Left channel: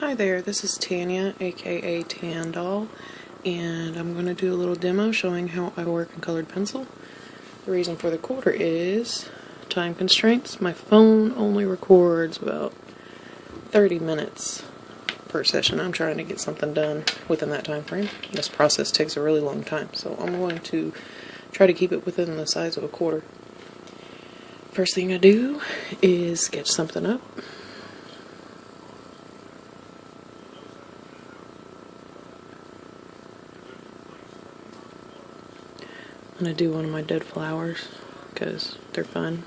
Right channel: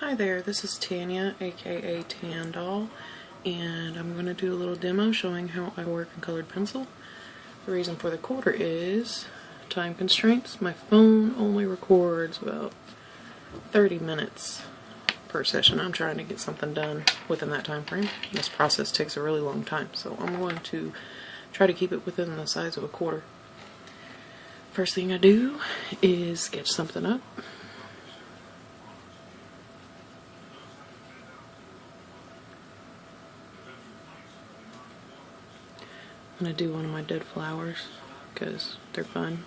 Hi there, this is Tanya, aka TanDoll, and I'm going to do a little demo showing how I work in colored pencil. The reason for the quarter is time constraints. My phone only records about 30 minutes per session. I'm trying to get something done within that time frame. This process takes a really long time, so I'm going to try to keep it within the size of a quarter. First thing I do is sketch something up. I'm going to do one of my dead flowers because they're fun.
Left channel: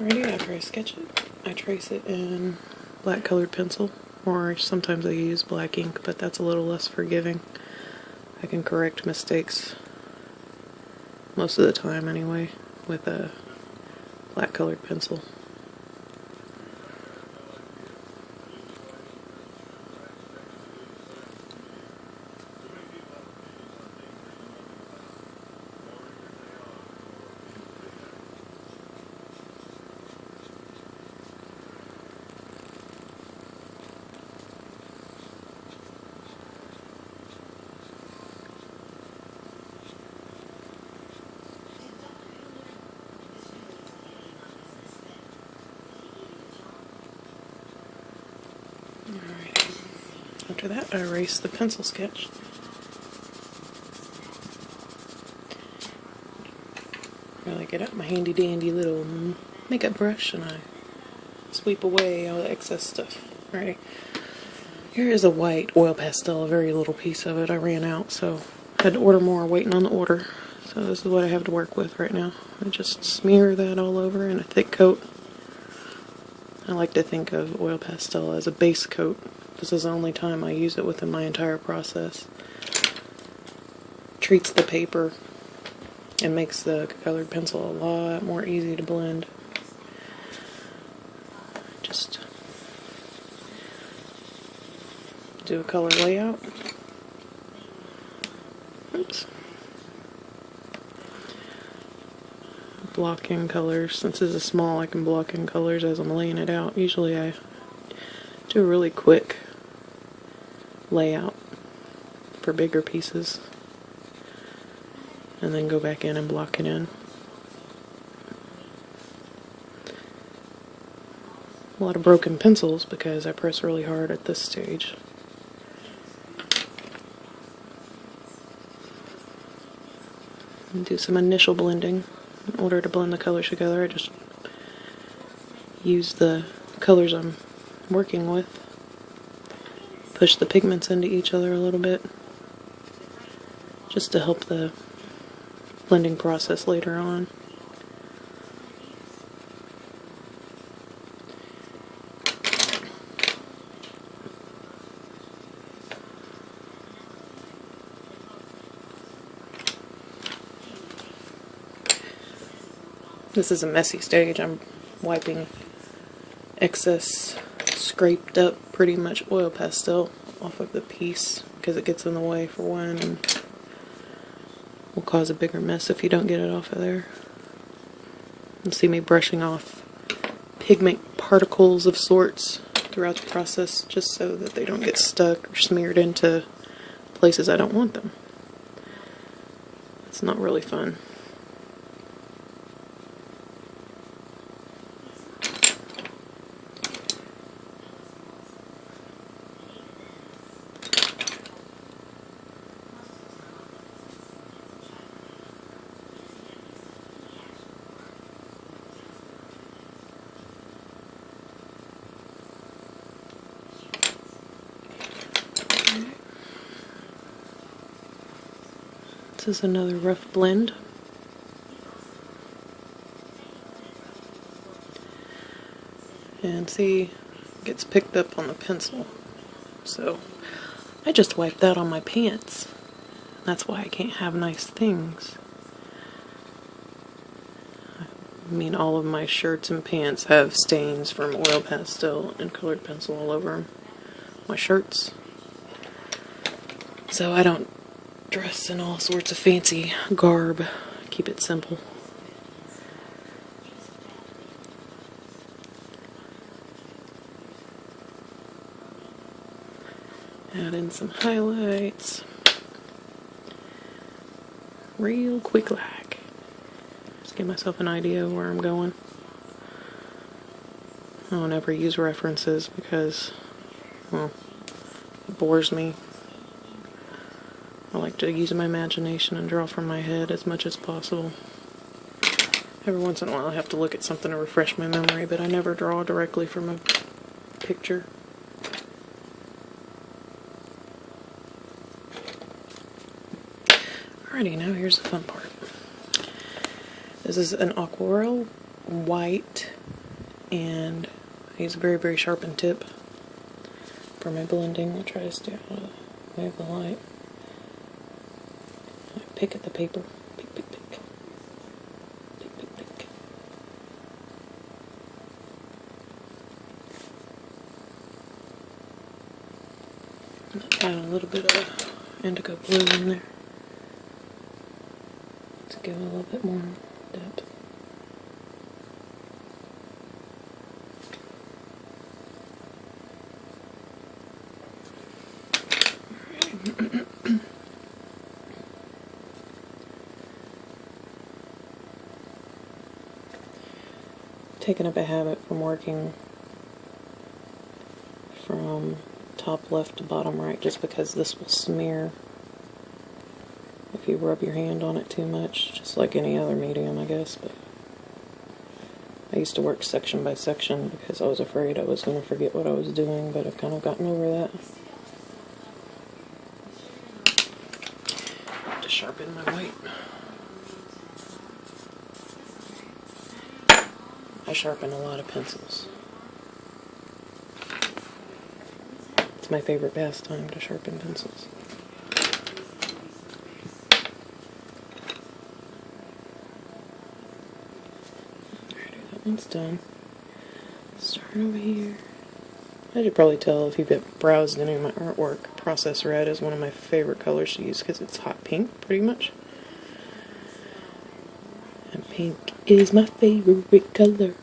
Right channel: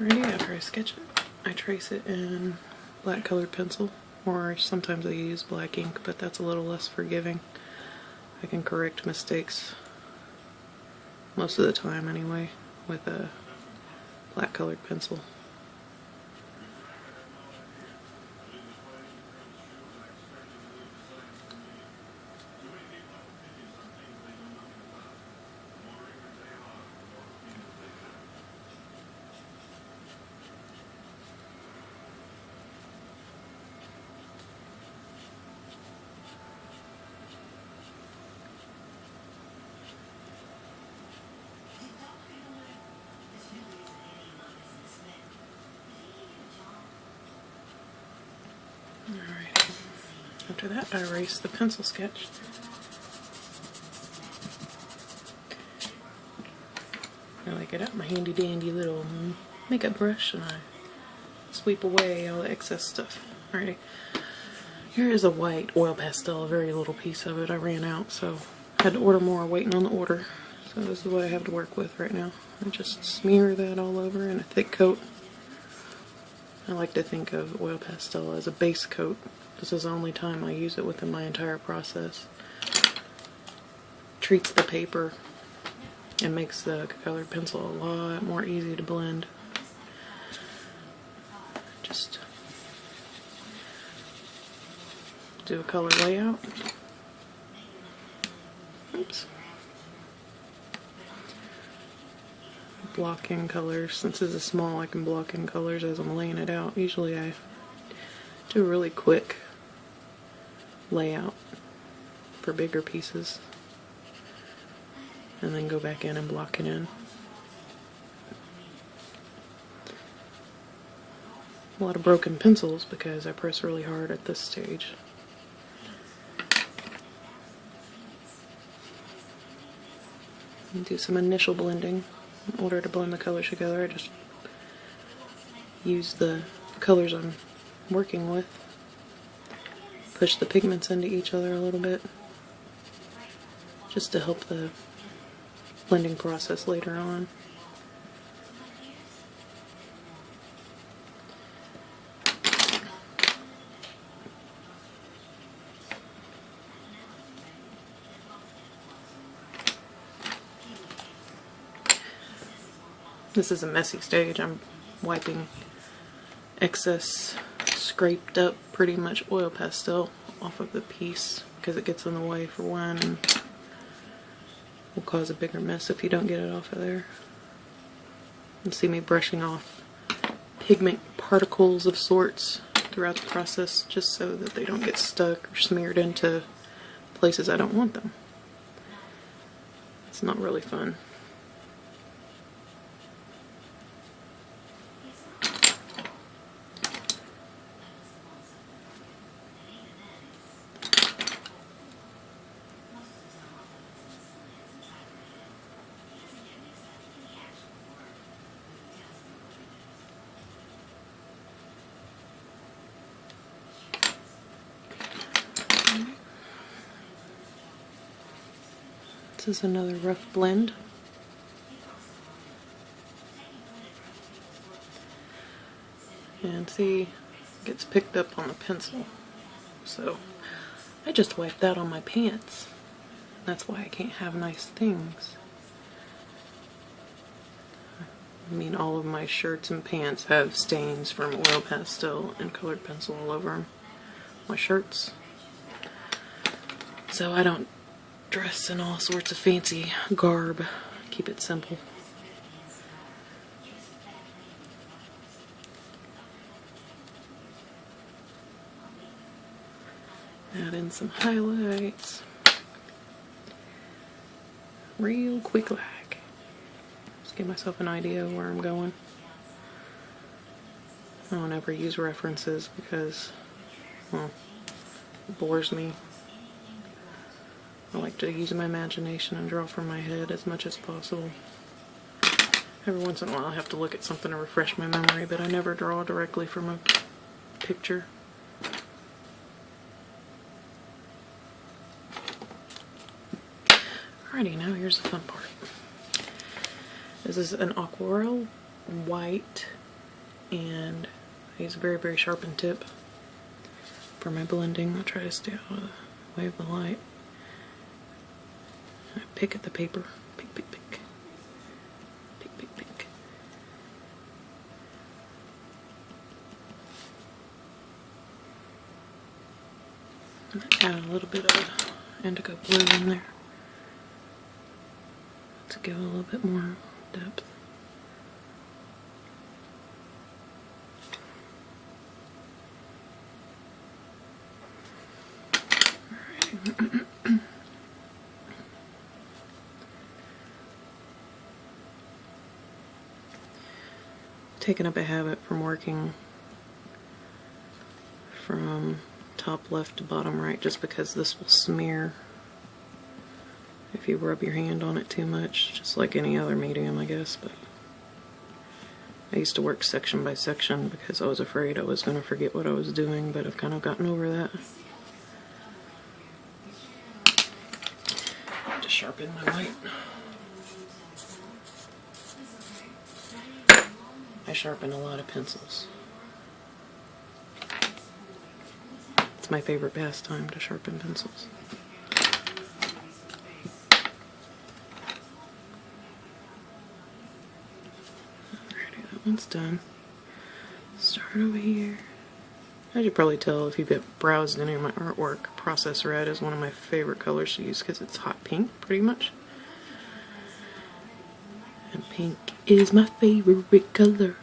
Alrighty, after I sketch it, I trace it in black colored pencil, or sometimes I use black ink, but that's a little less forgiving. I can correct mistakes most of the time anyway with a black colored pencil. Alright, after that I erase the pencil sketch. I get out my handy dandy little makeup brush and I sweep away all the excess stuff. Alrighty, here is a white oil pastel, a very little piece of it. I ran out, so I had to order more, waiting on the order. So this is what I have to work with right now. I just smear that all over in a thick coat. I like to think of oil pastel as a base coat. This is the only time I use it within my entire process. Treats the paper and makes the colored pencil a lot more easy to blend. Just do a color layout. Oops. Block in colors. Since this is small, I can block in colors as I'm laying it out. Usually I do a really quick layout for bigger pieces and then go back in and block it in. A lot of broken pencils because I press really hard at this stage. And do some initial blending. In order to blend the colors together, I just use the colors I'm working with, push the pigments into each other a little bit, just to help the blending process later on. This is a messy stage. I'm wiping excess scraped up pretty much oil pastel off of the piece because it gets in the way for one and will cause a bigger mess if you don't get it off of there. You see me brushing off pigment particles of sorts throughout the process just so that they don't get stuck or smeared into places I don't want them. It's not really fun. This is another rough blend. And see, it gets picked up on the pencil. So I just wiped that on my pants. That's why I can't have nice things. I mean, all of my shirts and pants have stains from oil pastel and colored pencil all over them. My shirts. So I don't dress in all sorts of fancy garb. Keep it simple. Add in some highlights. Real quick like. Just give myself an idea of where I'm going. I don't ever use references because, well, it bores me. I like to use my imagination and draw from my head as much as possible. Every once in a while I have to look at something to refresh my memory, but I never draw directly from a picture. Alrighty, now here's the fun part. This is an aquarelle white, and I use a very, very sharpened tip for my blending. I'll try to stay out of the way of the light. I pick at the paper. Pick, pick, pick. Pick, pick, pick. And add a little bit of indigo blue in there to give it a little bit more depth. Taking up a habit from working from top left to bottom right, just because this will smear if you rub your hand on it too much, just like any other medium, I guess. But I used to work section by section because I was afraid I was going to forget what I was doing, but I've kind of gotten over that. To sharpen my white. I sharpen a lot of pencils. It's my favorite pastime to sharpen pencils. Alrighty, that one's done. Start over here. As you probably tell if you've browsed any of my artwork, Process Red is one of my favorite colors to use because it's hot pink, pretty much. And pink is my favorite color.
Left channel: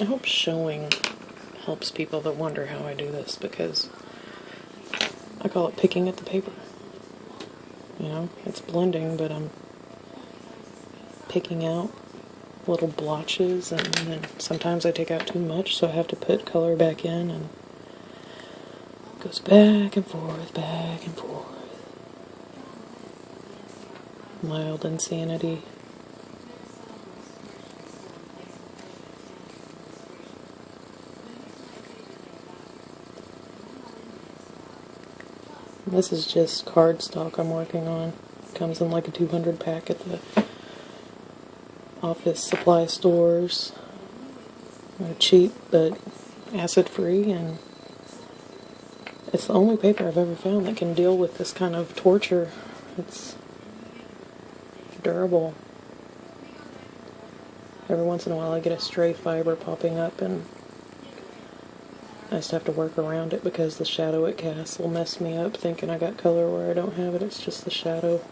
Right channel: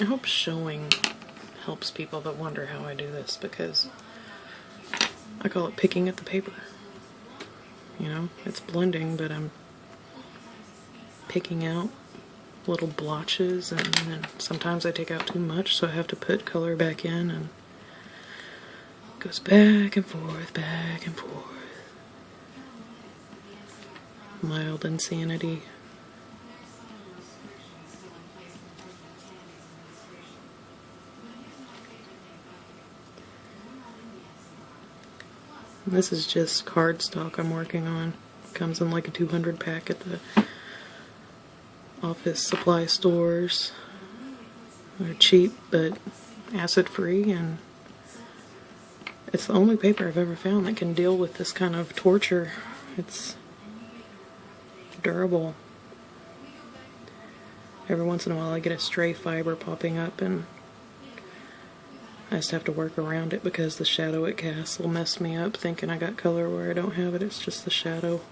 I hope showing helps people that wonder how I do this, because I call it picking at the paper. You know, it's blending, but I'm picking out little blotches, and then sometimes I take out too much, so I have to put color back in, and it goes back and forth, back and forth. Mild insanity. This is just cardstock I'm working on. Comes in like a 200 pack at the office supply stores. They're cheap, but acid-free, and it's the only paper I've ever found that can deal with this kind of torture. It's durable. Every once in a while I get a stray fiber popping up, and I just have to work around it because the shadow it casts will mess me up thinking I got color where I don't have it. It's just the shadow.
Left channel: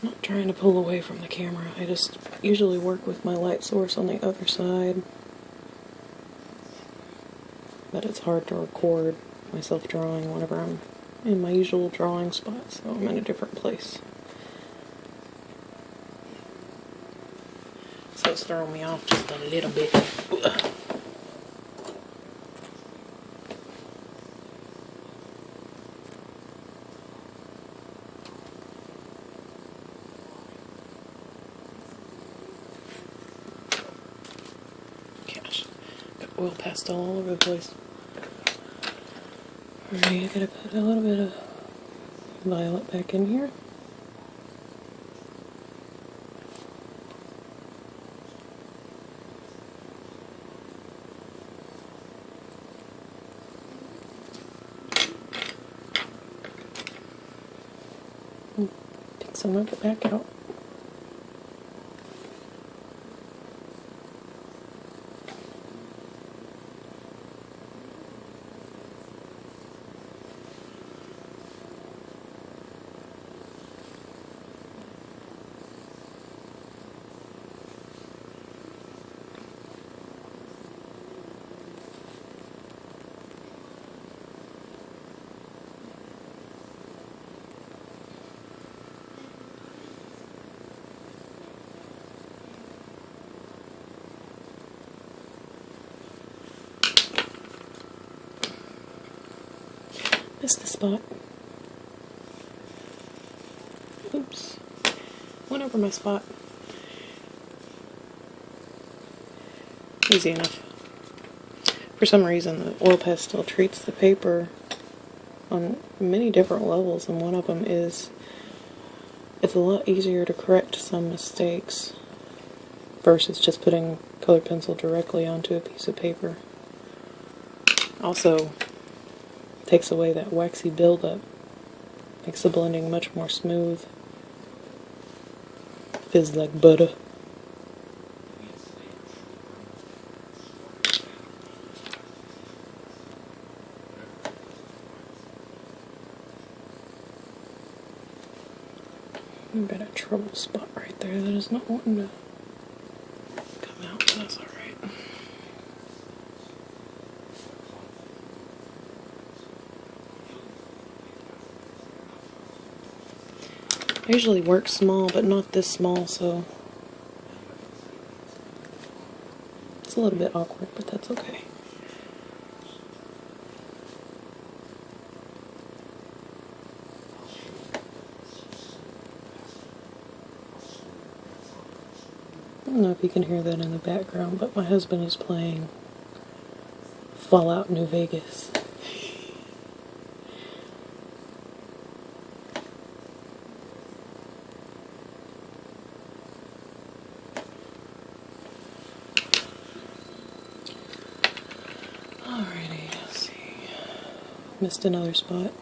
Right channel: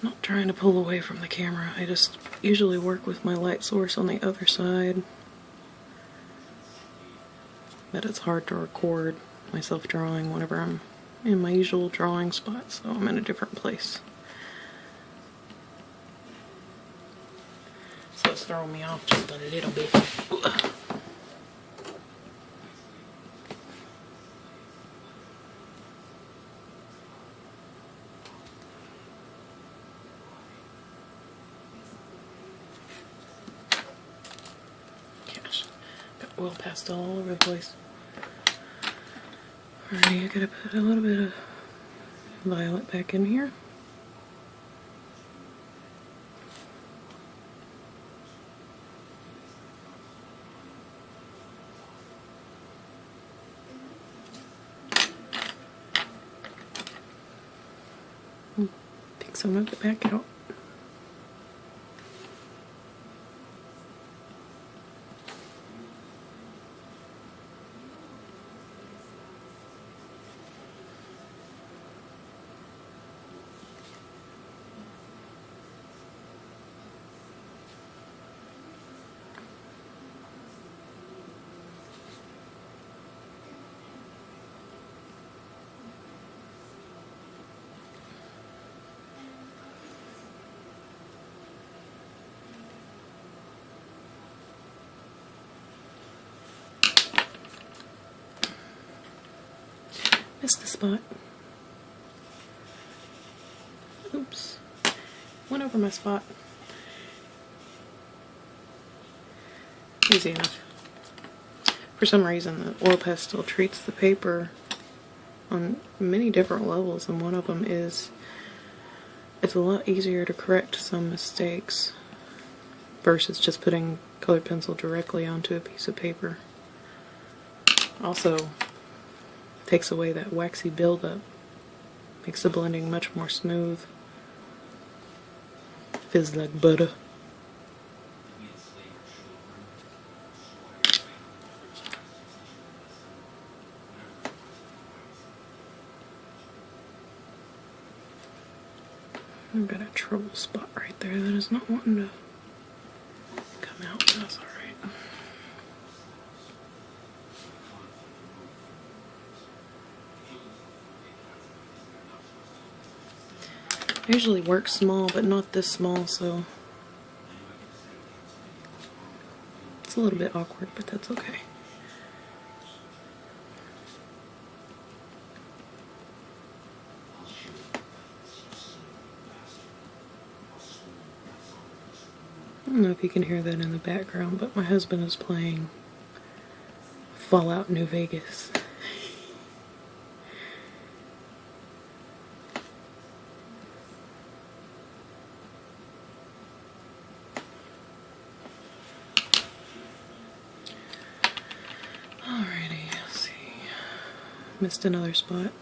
I'm not trying to pull away from the camera. I just usually work with my light source on the other side. But it's hard to record myself drawing whenever I'm in my usual drawing spot, so I'm in a different place. So it's throwing me off just a little bit. Gosh, got oil pastel all over the place. Alright, I gotta put a little bit of violet back in here. Take some of it back out. Missed the spot. Oops. Went over my spot. Easy enough. For some reason, the oil pastel treats the paper on many different levels, and one of them is it's a lot easier to correct some mistakes versus just putting colored pencil directly onto a piece of paper. Also, takes away that waxy buildup, makes the blending much more smooth. Fizz like butter. I've got a trouble spot right there that is not wanting to come out, but that's alright. I usually work small, but not this small, so it's a little bit awkward, but that's okay. I don't know if you can hear that in the background, but my husband is playing Fallout New Vegas. Alrighty, let's see. Missed another spot.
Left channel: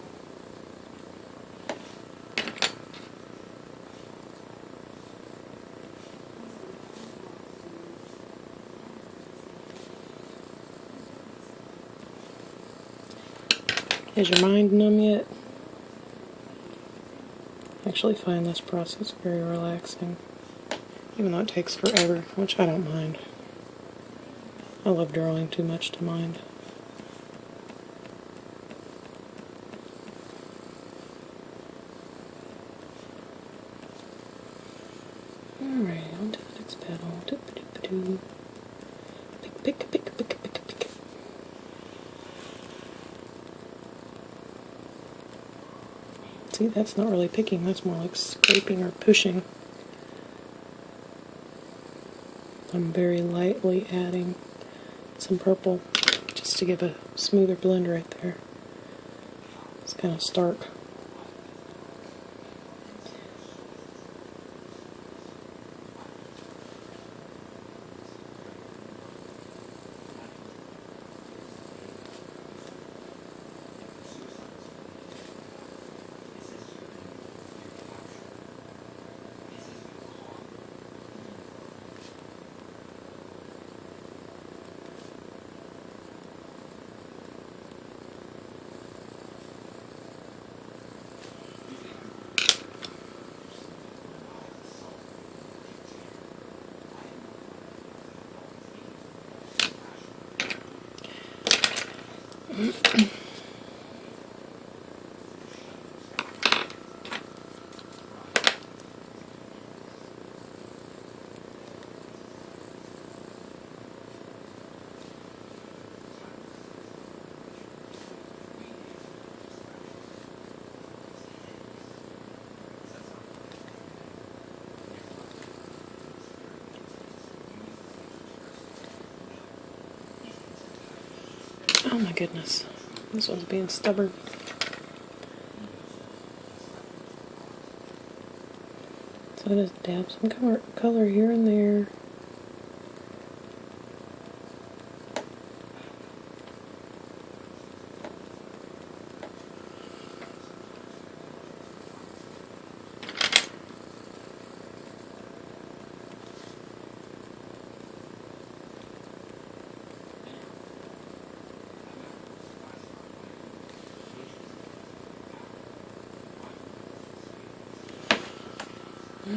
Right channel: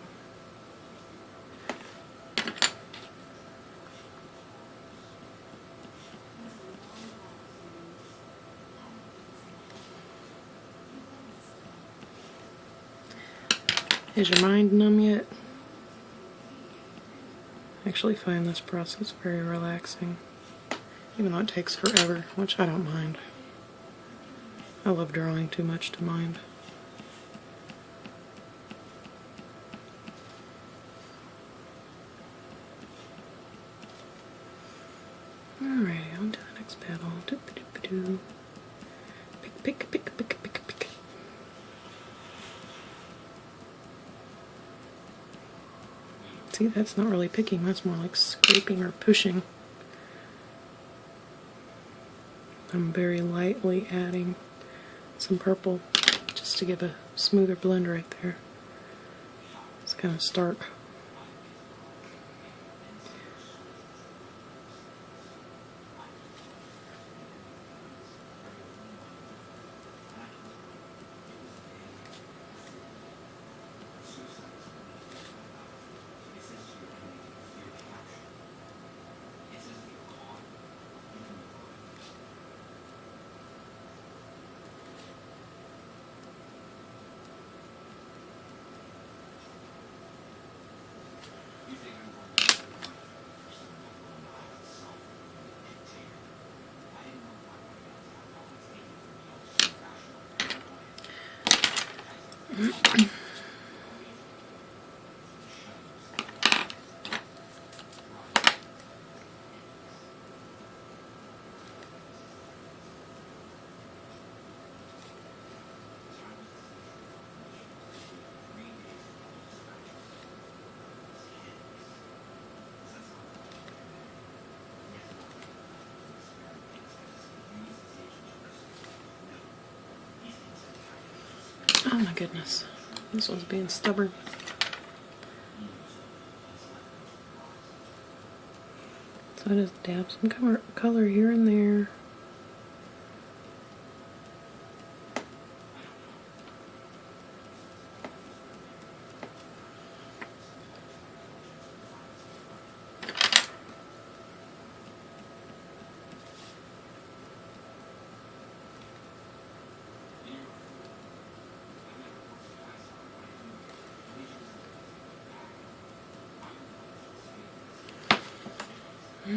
Is your mind numb yet? I actually find this process very relaxing, even though it takes forever, which I don't mind. I love drawing too much to mind. Alright, on to the next petal. Doop-a-doop-a-doo. Pick, pick, pick, pick, pick, pick. See, that's not really picking, that's more like scraping or pushing. I'm very lightly adding some purple just to give a smoother blend right there. It's kind of stark. Oh my goodness, this one's being stubborn. So I just dab some color here and there.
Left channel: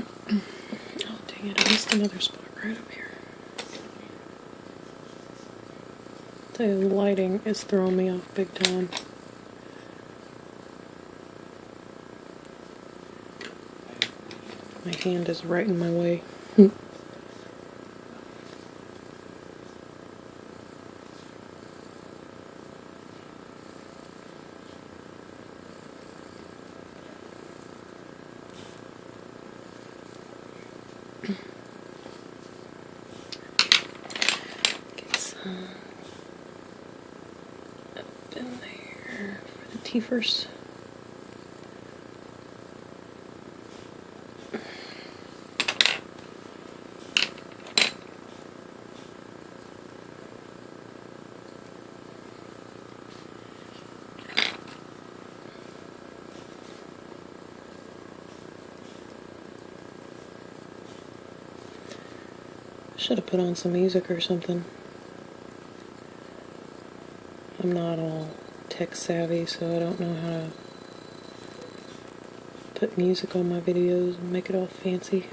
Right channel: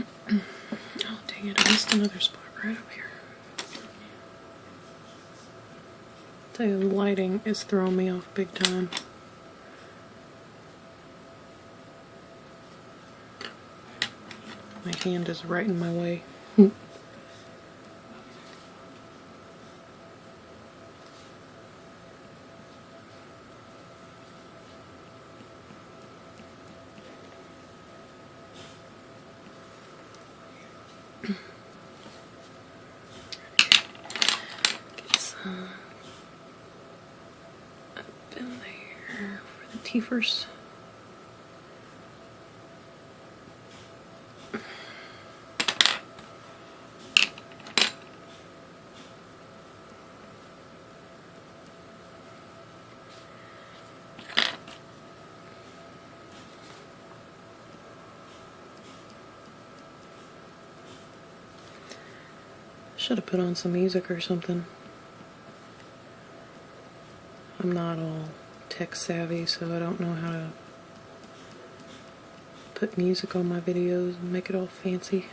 Oh dang it, I missed another spot right up here. The lighting is throwing me off big time. My hand is right in my way. Get some up in there for the teethers. Should have put on some music or something. I'm not all tech savvy, so I don't know how to put music on my videos and make it all fancy.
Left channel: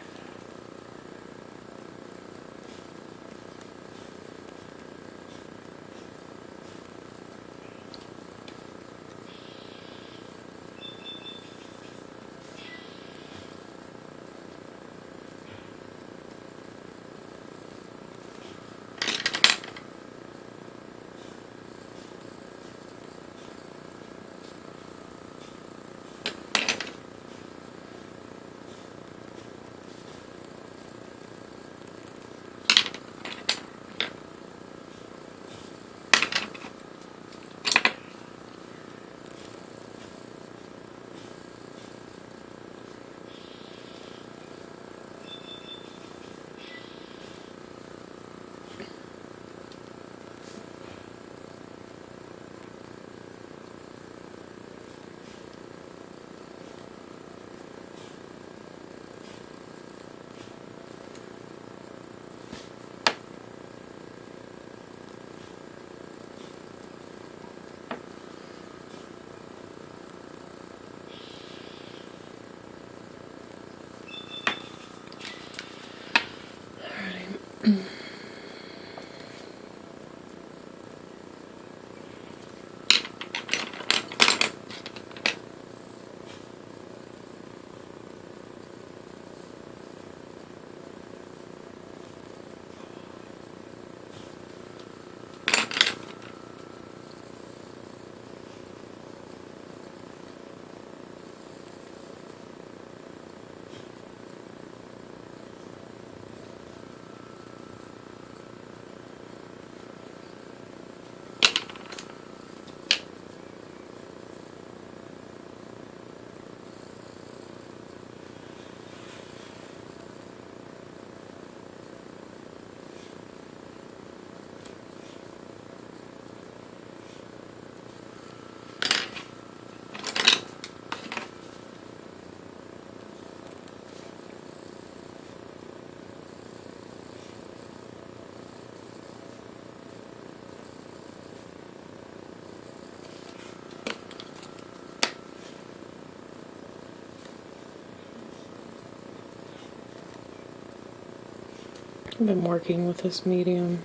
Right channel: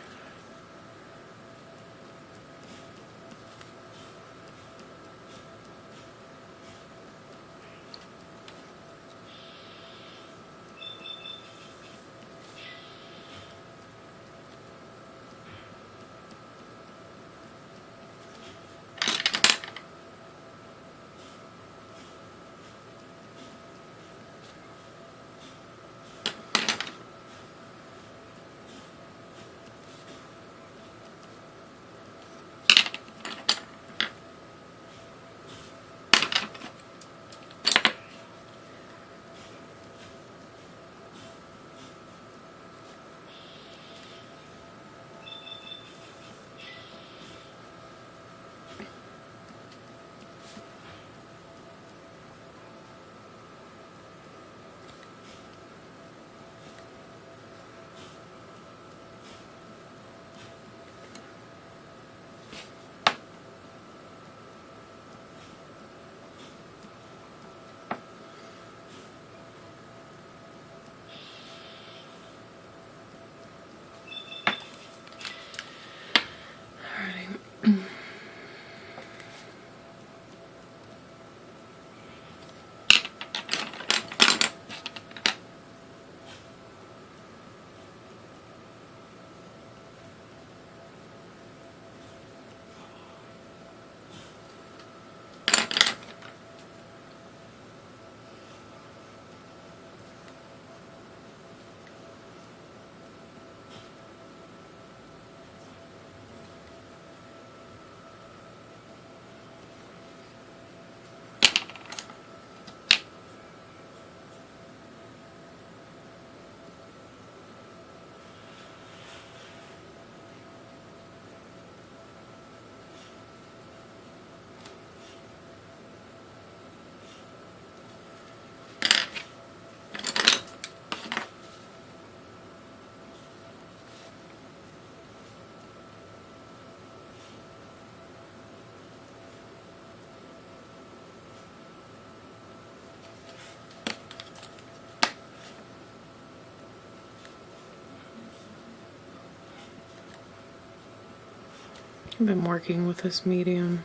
I've been working with this medium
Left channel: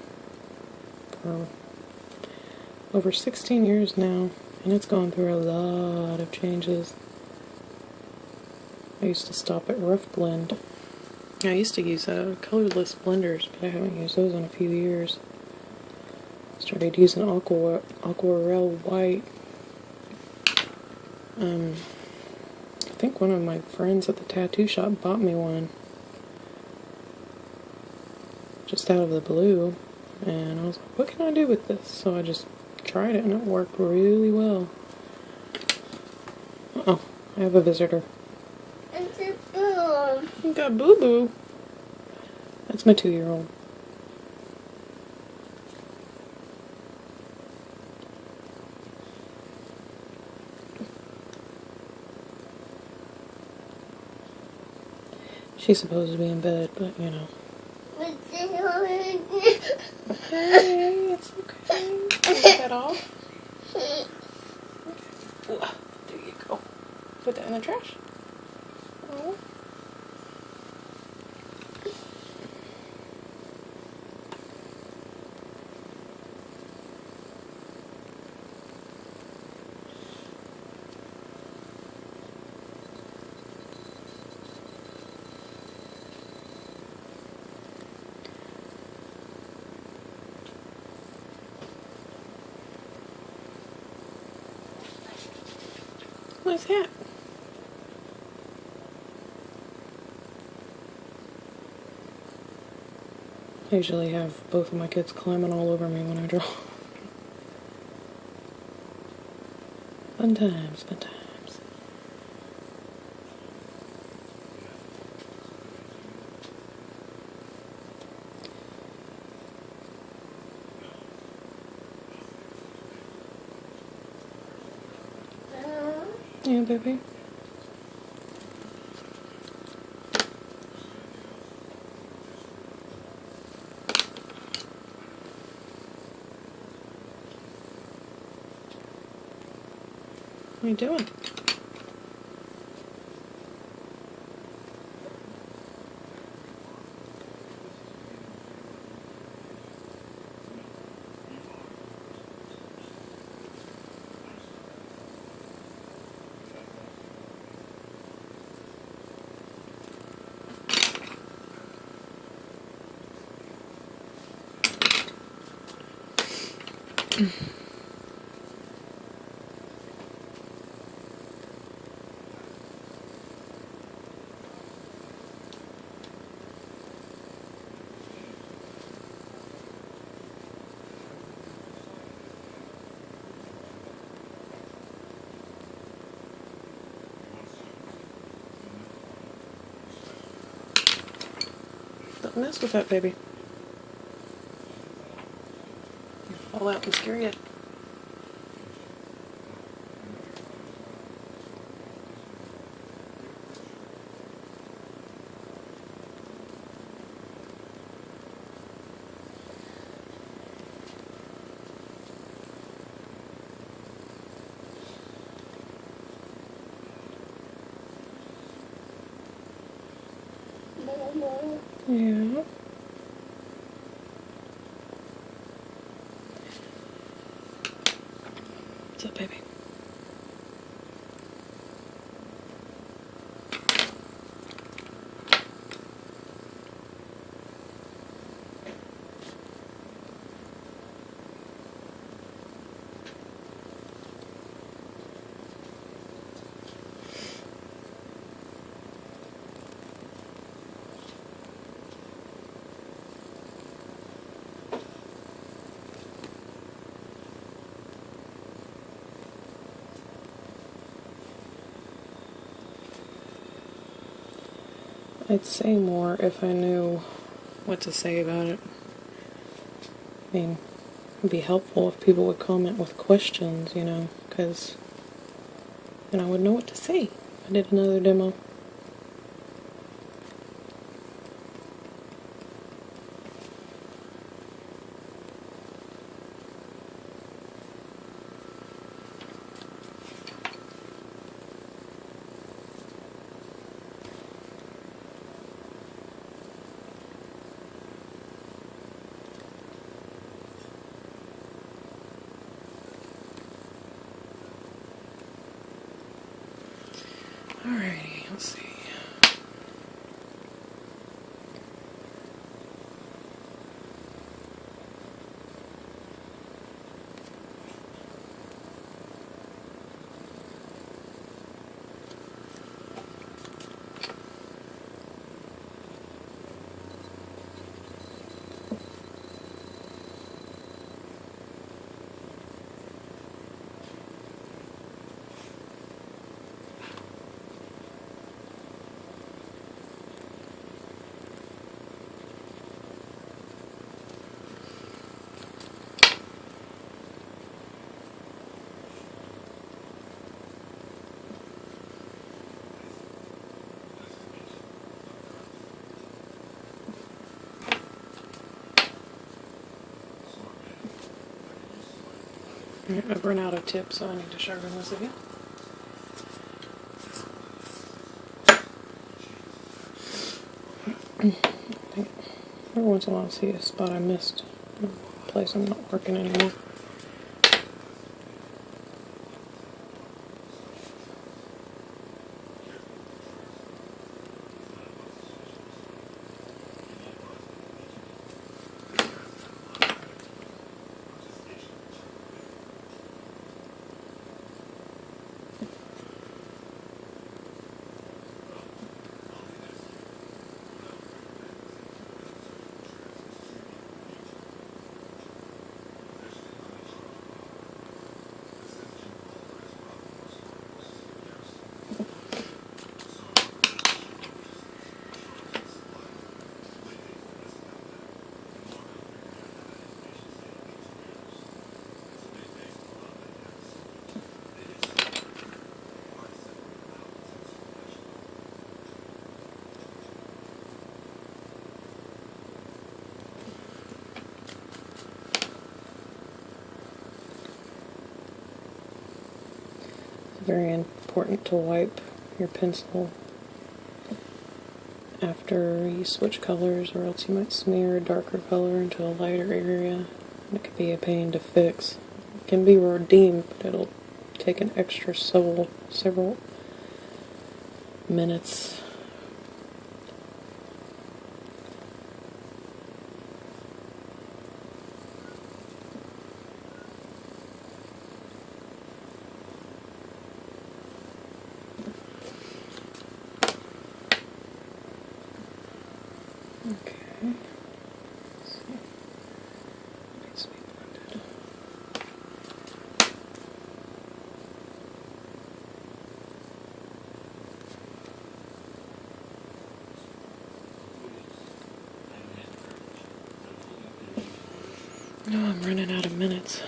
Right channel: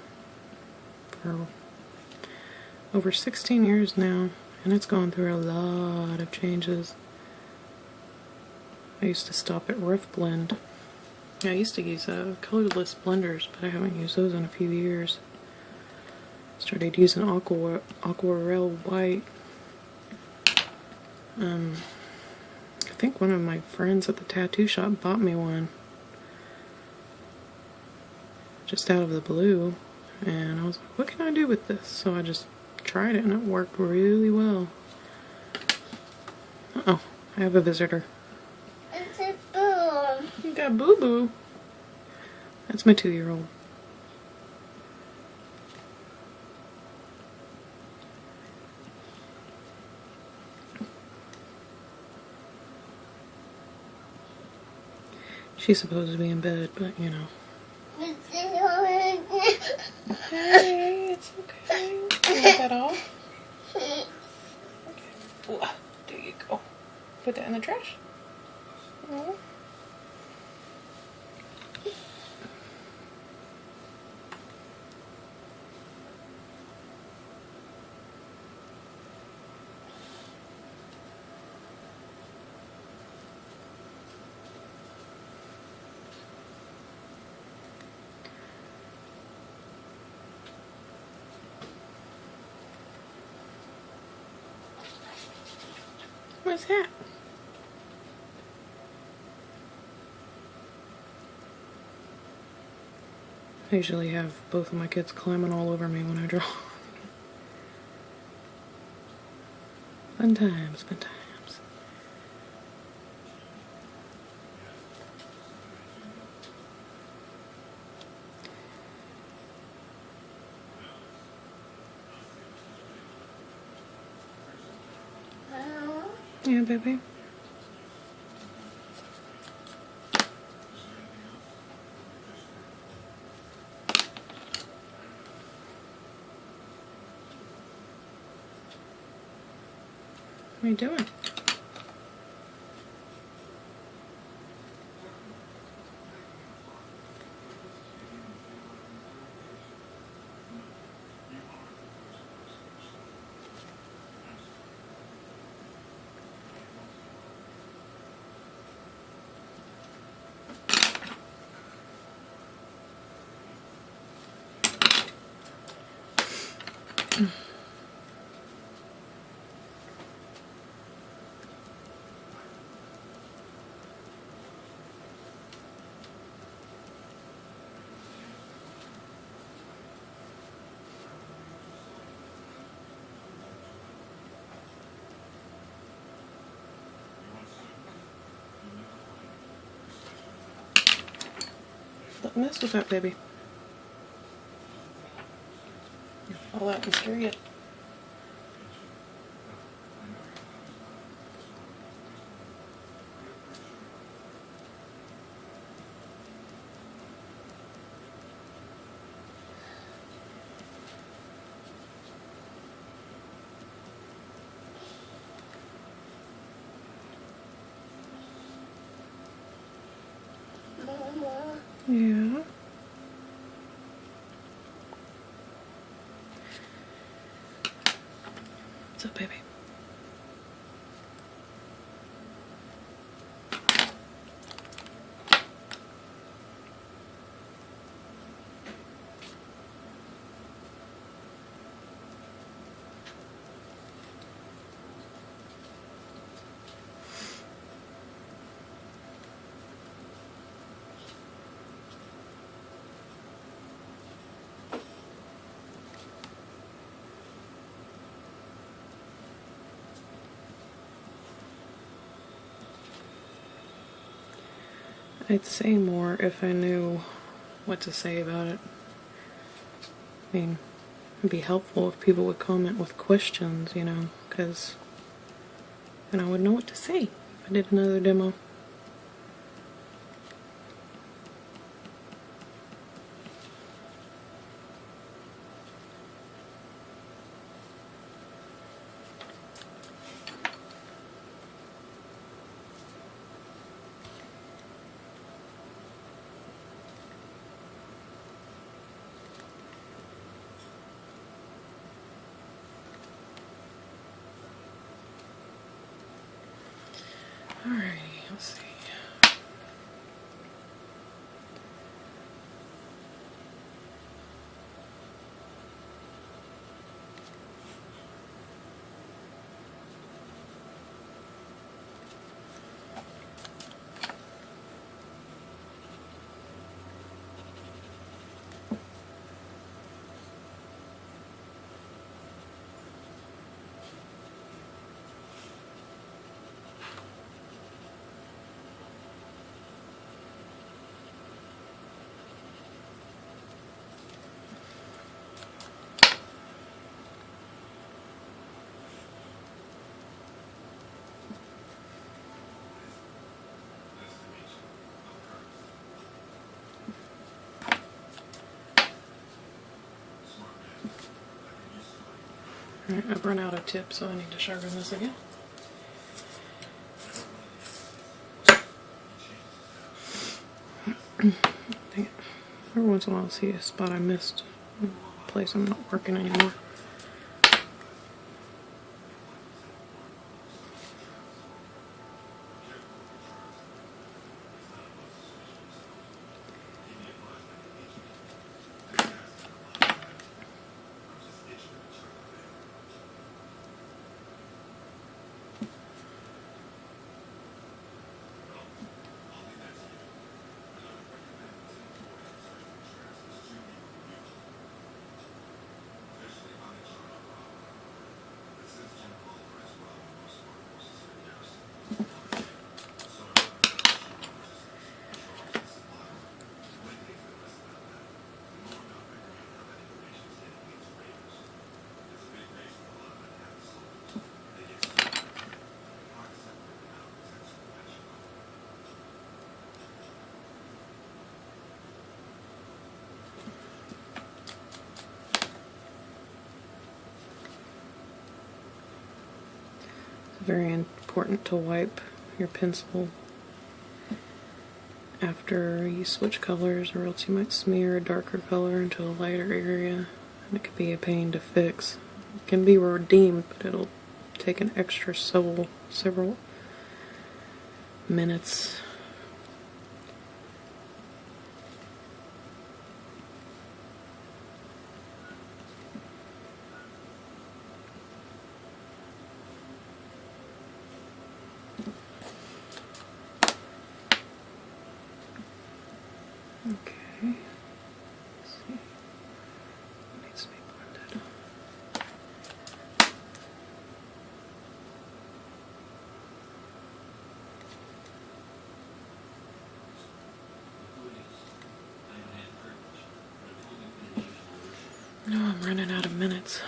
for over 16 years now, and it's gone through a lot of changes. I used to stop at rough blend. I used to use colorless blenders, but I haven't used those in a few years. Started using aquarelle white. I think one of my friends at the tattoo shop bought me one just out of the blue, and I was like, what can I do with this? So I just tried it, and it worked really well. Uh-oh, I have a visitor. It's a boo. You got boo-boo. That's my 2-year-old. She's supposed to be in bed, but you know. Hey, it's okay. Take that off. Okay. Ooh, there you go. Put that in the trash. Oh. What's that? I usually have both of my kids climbing all over me when I draw. Fun times, fun times. Yeah, baby. What are you doing? Don't mess with that baby. Fall out and scare it. Mama. Yeah. What's up, baby? I'd say more if I knew what to say about it. I mean, it'd be helpful if people would comment with questions, you know, because then I would know what to say if I did another demo. Alrighty, let's see. I've run out of tips, so I need to sharpen this again. Dang it. Every once in a while I see a spot I missed, a place I'm not working anymore. It's very important to wipe your pencil after you switch colors, or else you might smear a darker color into a lighter area, and it could be a pain to fix. It can be redeemed, but it'll take an extra several minutes. Okay, let's see. It needs to be blended. No, I'm running out of minutes.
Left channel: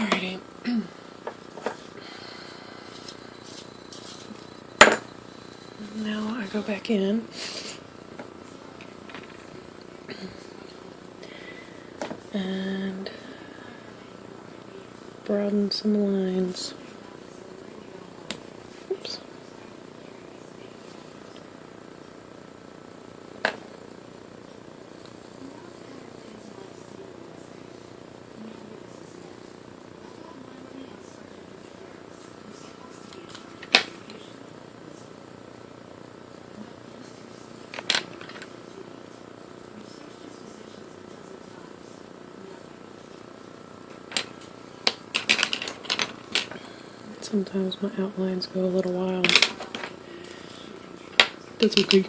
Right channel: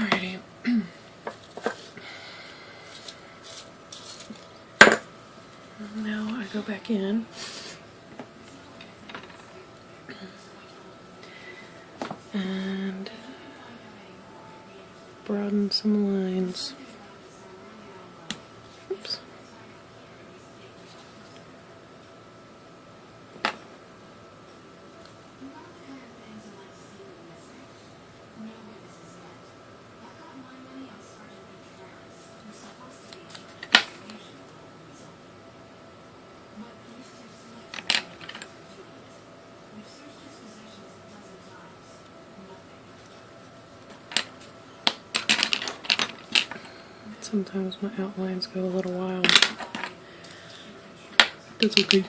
Alrighty. Now I go back in and broaden some lines. Oops. Sometimes my outlines go a little wild. That's okay.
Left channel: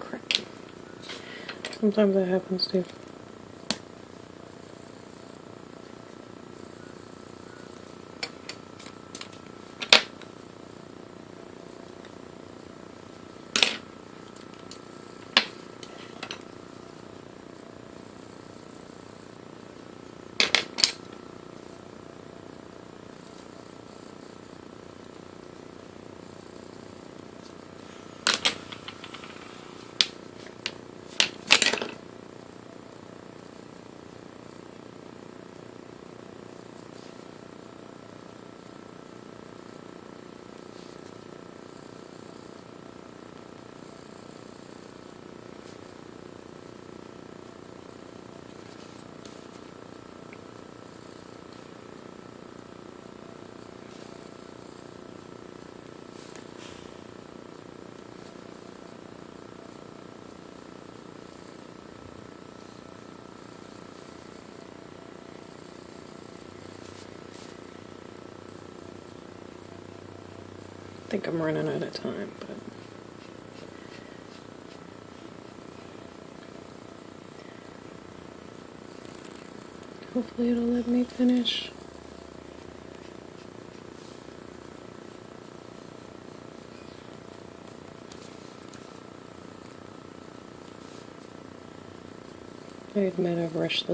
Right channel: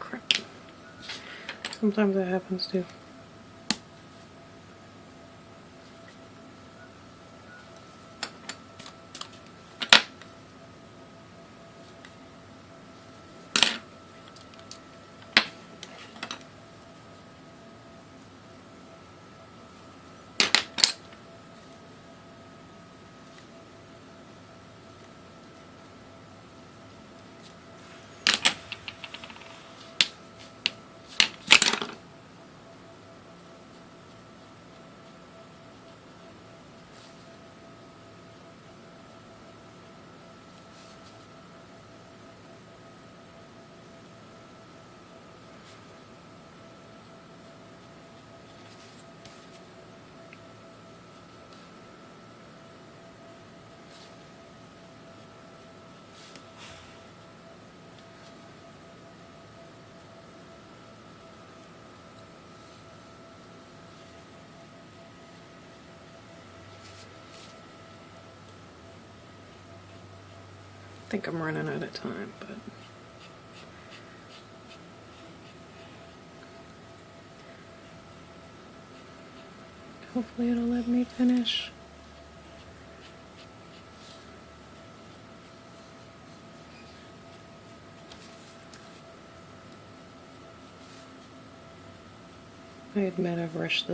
Crap. Sometimes that happens too. I think I'm running out of time, but hopefully it'll let me finish. I admit I've rushed this.